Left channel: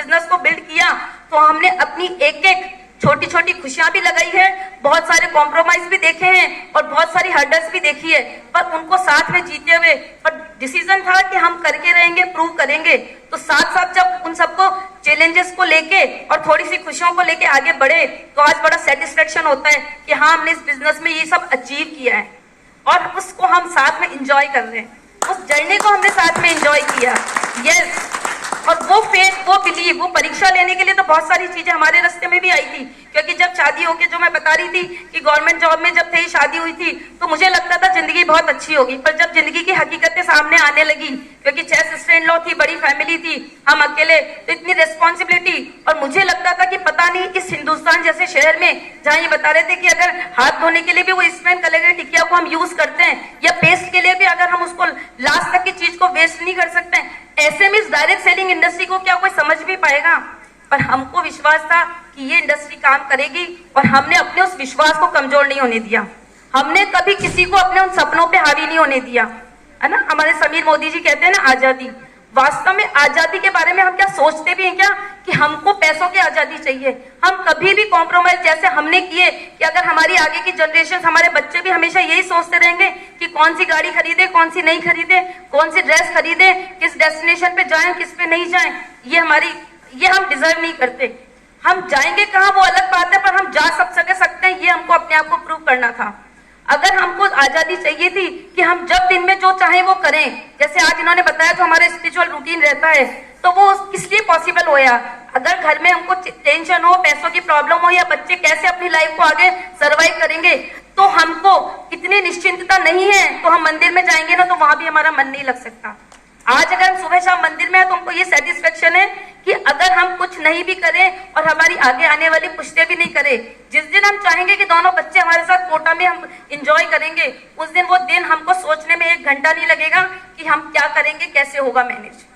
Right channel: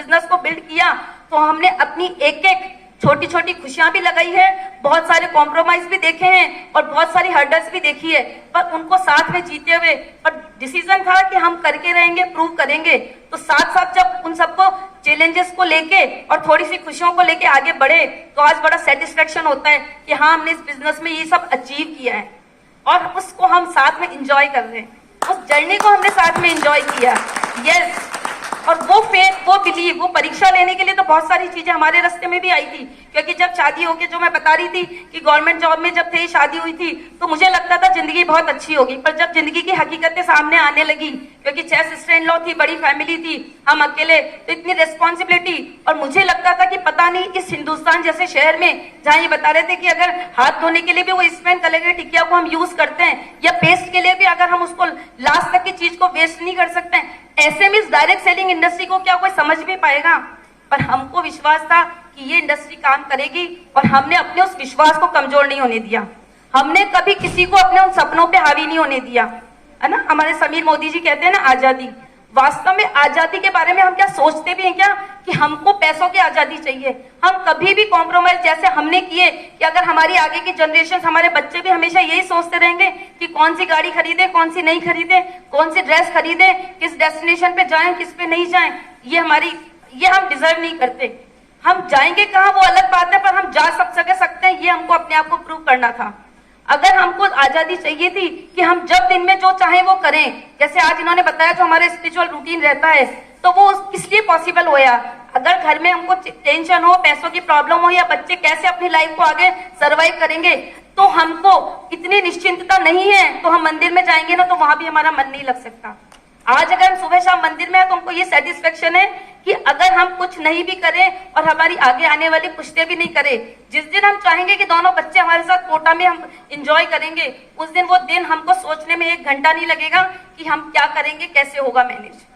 Business को build किया तो हमने अपनी एक एक छोटी छोटी खुशियां भी लगाई है, बहुत सारे कॉम्प्रोमाइज भी देखे हैं और बहुत सारी हर्डल्स भी देखी है, पर उनको साथ में जीते हुए और डिसीजन था कि हम करके रहेंगे, प्रूव करेंगे। तो साथ साथ जब उन सबको चैलेंजेस को लेके और थोड़ी सी खुशियों को लेके आगे बढ़े तो आज बड़ा सेटिस्फेक्शन होता है कि हाँ, हमने इस बिजनेस में ये सब अचीव किया है और उसको हम साथ में इंजॉय कर रहे हैं, उस जर्नी को हमने साथ में इंजॉय किया। यस, और वो फेथ, वो बिलीव, वो परीक्षा लेने के लिए तो बहुत सारी चीजें हमारे रास्ते में भी आई थी, क्योंकि जब शादी होके जो मैं बता रही थी कि गवर्नमेंट जॉब में जब थे शादी हुई थी तो मुझे लगता था जिंदगी बहुत अच्छी होगी, पर जब जिंदगी की हकीकतें सामने आने लगी, क्योंकि 6 सिस्टर इन लॉ थी, बड़ी फैमिली थी, हम अकेले, तो इतनी रिस्पॉन्सिबिलिटी, और मुझे लगता था कि पता नहीं इस हिंदुस्तान जैसे शहर में जहाँ ये बता रहे थे कि अगर हाथ धोने के लिए भी वो स्पेन कलर की टिकिया को हम यूज करते हैं या पेस्ट के लिए भी अगर हम उसको लास्ट तक की चीज को वेस्ट नहीं कर सकते हैं, ऐसे में इस डायरेक्ट सेलिंग इंडस्ट्री को क्या कोई समझ भी पाएगा? पर हमको विश्वास था कि ये इंडस्ट्री काम करेगी और हमने अपने उस विश्वास को कमजोर नहीं होने दिया। हमने कभी किसी को अपने उन सपनों पे हावी नहीं होने दिया, है ना। हमारे समीर मोदी जी कहते हैं ना, आजादी। वास्तव में आजादी के बारे में हम क्या सोचते भी हैं क्या कि हमको पैसों की आजादी चाहिए? हम कभी भी कॉम्प्रोमाइज जैसे हमने किए कि अगर हमारी आगे की जनरेशन, हमारे बच्चे भी हमेशा यही सोचते रहेंगे कि कौन सी गाड़ी खरीदे, कौन सी नहीं खरीदे, कौन सी ड्रेस खरीदे, किस डेस्टिनेशन पे जाएं, किस पे नहीं जाएं, ये हम डिजर्व नहीं करते। हम जाएंगे कहाँ वो अलग बात है, पर हम जा सकते हैं, ये हमको अपने आप को प्रूव करना था। अगर हमको आजादी चाहिए थी कि हम जब दिन में जो चाहें वो करें, जैसे आज इन्होंने बताया तो हमारा स्पिरिचुअल रूटीन रहता है, तो वो किस लिए पॉसिबल होया? अगर घर में हमको टेंशन हो, पैसों की प्रॉब्लम हो, या बच्चे कैसे अपनी लाइफ को आगे सर्वाइव करेंगे, तो हमको इतनी निश्चिंतता नहीं है, तो हम मंदिर में जाएंगे ना तो वहां भी हमारा मन नहीं लग सकता। आज अगर हम सुबह शाम मंदिर में है तो हमको ये सेटिस्फेक्शन है कि अगर हम कुछ नहीं भी करें और हमारी आगे आने वाली पुश्तें भी नहीं करें, जिस दिन हम चाहेंगे कि दोनों बच्चे हमारे साथ कोटा में हम इंजॉय करेंगे, उस दिन वो दिन हमको सोचने में 1 घंटा नहीं लगेगा कि हम क्या करेंगे, कैसे होगा मैनेज।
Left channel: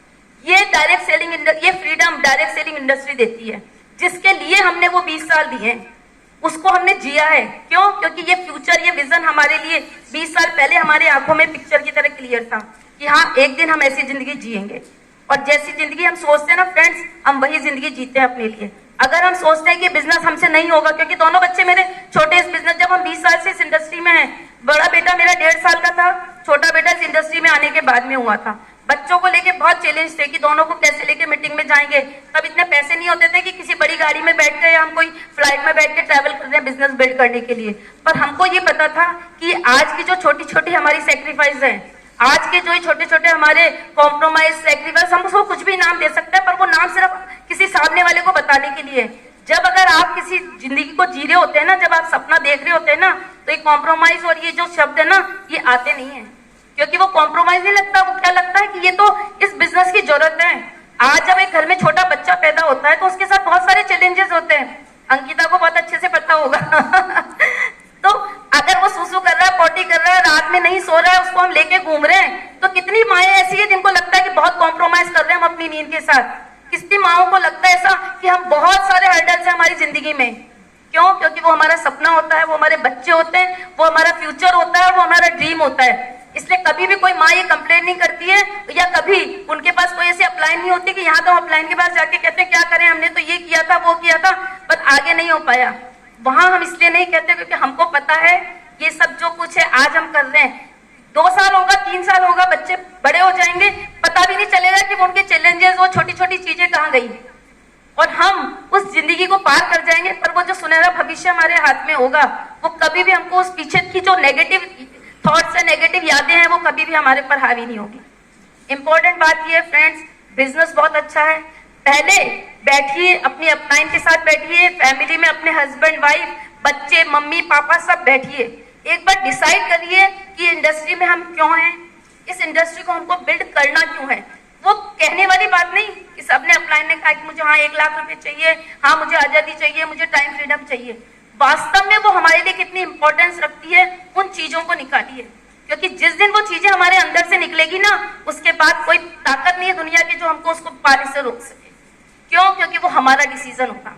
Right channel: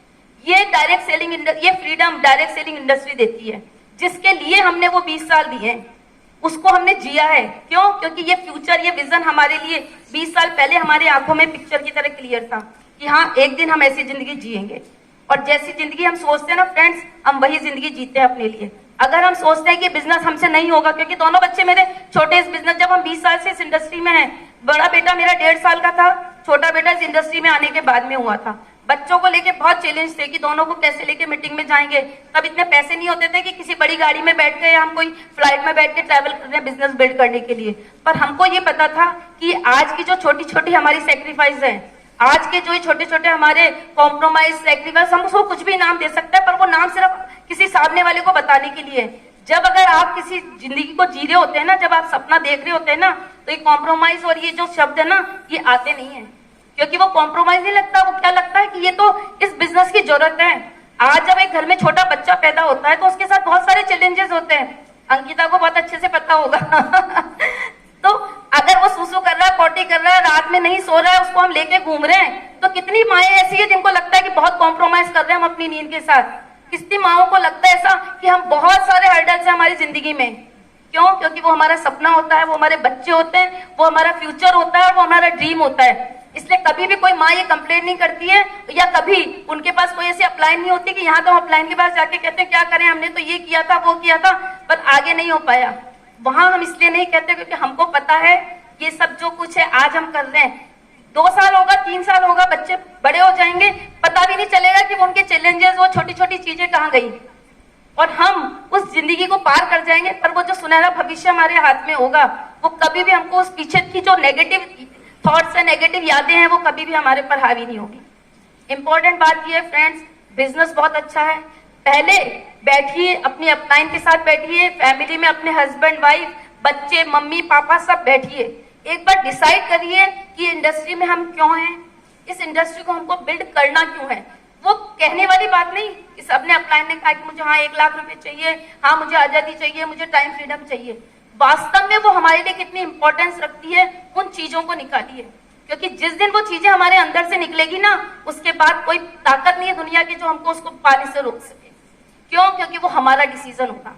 ये डायरेक्ट सेलिंग, ये फ्रीडम डायरेक्ट सेलिंग इंडस्ट्री देती है, जिसके लिए हमने वो 20 साल दिए हैं, उसको हमने जिया है। क्यों? क्योंकि ये फ्यूचर, ये विजन हमारे लिए 20 साल पहले हमारी आंखों में पिक्चर की तरह क्लियर था कि हाँ, एक दिन हम ऐसी जिंदगी जिएंगे। और जैसी जिंदगी हम सोचते हैं ना फ्रेंड्स, हम वही जिंदगी जीते हैं अपने लिए। अगर हम सोचते हैं कि बिजनेस हमसे नहीं होगा, क्योंकि दोनों बच्चे मेरे छोटे इस बिजनेस, जब हम 20 साल से इस इंडस्ट्री में हैं, बड़ा बेटा मेरा 1.5 साल का था, छोटा बेटा इस इंडस्ट्री में आने के बाद में हुआ था। बच्चों को लेके बहुत चैलेंज थे कि दोनों को कैसे लेके मीटिंग में जाएंगे। तब इतने पैसे नहीं होते थे कि किसी बड़ी गाड़ी में बैठ गए, हम कोई फ्लाइट में बैठ के ट्रैवल कर रहे हैं बिजनेस बिल्ड करने के लिए। पर हमको ये पता था कि आज की जो छोटी छोटी हमारी सेक्रीफाइस है, आज के जो छोटे छोटे हमारे कॉम्प्रोमाइज, सेक्रीफाइस, हम उसको कुछ भी नाम दे सकते हैं, पर वो नाम सिर्फ किसी सामने वाले को बताने के लिए। जब अगर आप किसी जिंदगी को जी रहे होते हैं ना, जब आप सपना देख रहे होते हैं ना, तो ये कॉम्प्रोमाइज और ये जो शब्द है ना, ये आते नहीं है, क्योंकि वो कॉम्प्रोमाइज नहीं लगता। वो क्या लगता है कि ये तो इस बिजनेस की जरूरत है। आज जब एक घर में छोटा बच्चा पैदा होता है तो उसके साथ बहुत सारे चैलेंजेस होते हैं, अंकिता को बहुत अच्छे से पता होगा तो अगर वो सुसु कर रहा है, पॉटी कर रहा है, रात में नहीं सो रहा है, उसको हम लेके घूम रहे हैं, तो कितनी माएं ऐसी है जिनको लगता है कि बहुत कॉम्प्रोमाइज कर रहे हैं हम अपनी नींद के साथ। कितनी माओं को लगता है ऐसा कि हम बहुत सारे हर्डल्स हैं हमारी जिंदगी में। क्यों? क्योंकि वो हमारा सपना होता है, वो हमारे बच्चे होते हैं, वो हमारा फ्यूचर होता है, वो हमारा ड्रीम होता है। इसलिए कभी भी कोई माँ ये कंप्लेंट नहीं करती है, या कभी उनके पास कोई ऐसी अप्लाइन नहीं होती कि यहाँ तो अप्लाइन के पास जाके कहते हैं क्या करें, हमने तो ये किया था, वो किया था, पर आगे नहीं हो पाया। वहां हम इसलिए नहीं कहते क्योंकि हमको पता है ये सब जो कुछ है आज हम कर रहे हैं, 2 साल होगा, 3 साल होगा, बच्चे बड़े हो जाएंगे, पता भी नहीं चलेगा कि उनके चैलेंजेस, वो छोटी छोटी चीजें कहाँ गई, और हम उस जिंदगी को पार कर जाएंगे। पर वो जो सुनहरा भविष्य हमारे हाथ में होगा, वो कभी भी हमको उस पीछे की जो नेगेटिव थॉट्स है, नेगेटिव यादें हैं, वो कभी भी हमारे पर हावी नहीं होगी। इंपॉर्टेंट बात ये है फ्रेंड्स, बिजनेस बहुत अच्छा है। पहले बैठिए, अपनी अपलाइन के साथ बैठिए, फैमिली में अपने हस्बैंड, वाइफ, बच्चे, मम्मी, पापा सब बैठिए, एक बार डिसाइड करिए कि इंडस्ट्री में हम क्यों हैं, इस इंडस्ट्री को हमको बिल्ड करना क्यों है। वो कहने वाली बात नहीं कि सबने अपलाइन ने कहा कि मुझे हाँ 1 लाख रुपए चाहिए, हाँ मुझे आजादी चाहिए, मुझे टाइम फ्रीडम चाहिए। वास्तव में वो हमारे लिए कितनी इंपॉर्टेंस रखती है, उन चीजों को निकालिए, क्योंकि जिस दिन वो चीजें हमारे अंदर से निकलेगी ना, उसके बाद कोई ताकत नहीं है दुनिया की जो हमको उसको पाने से रोक सके। क्यों? क्योंकि वो हमारा डिसीजन होगा।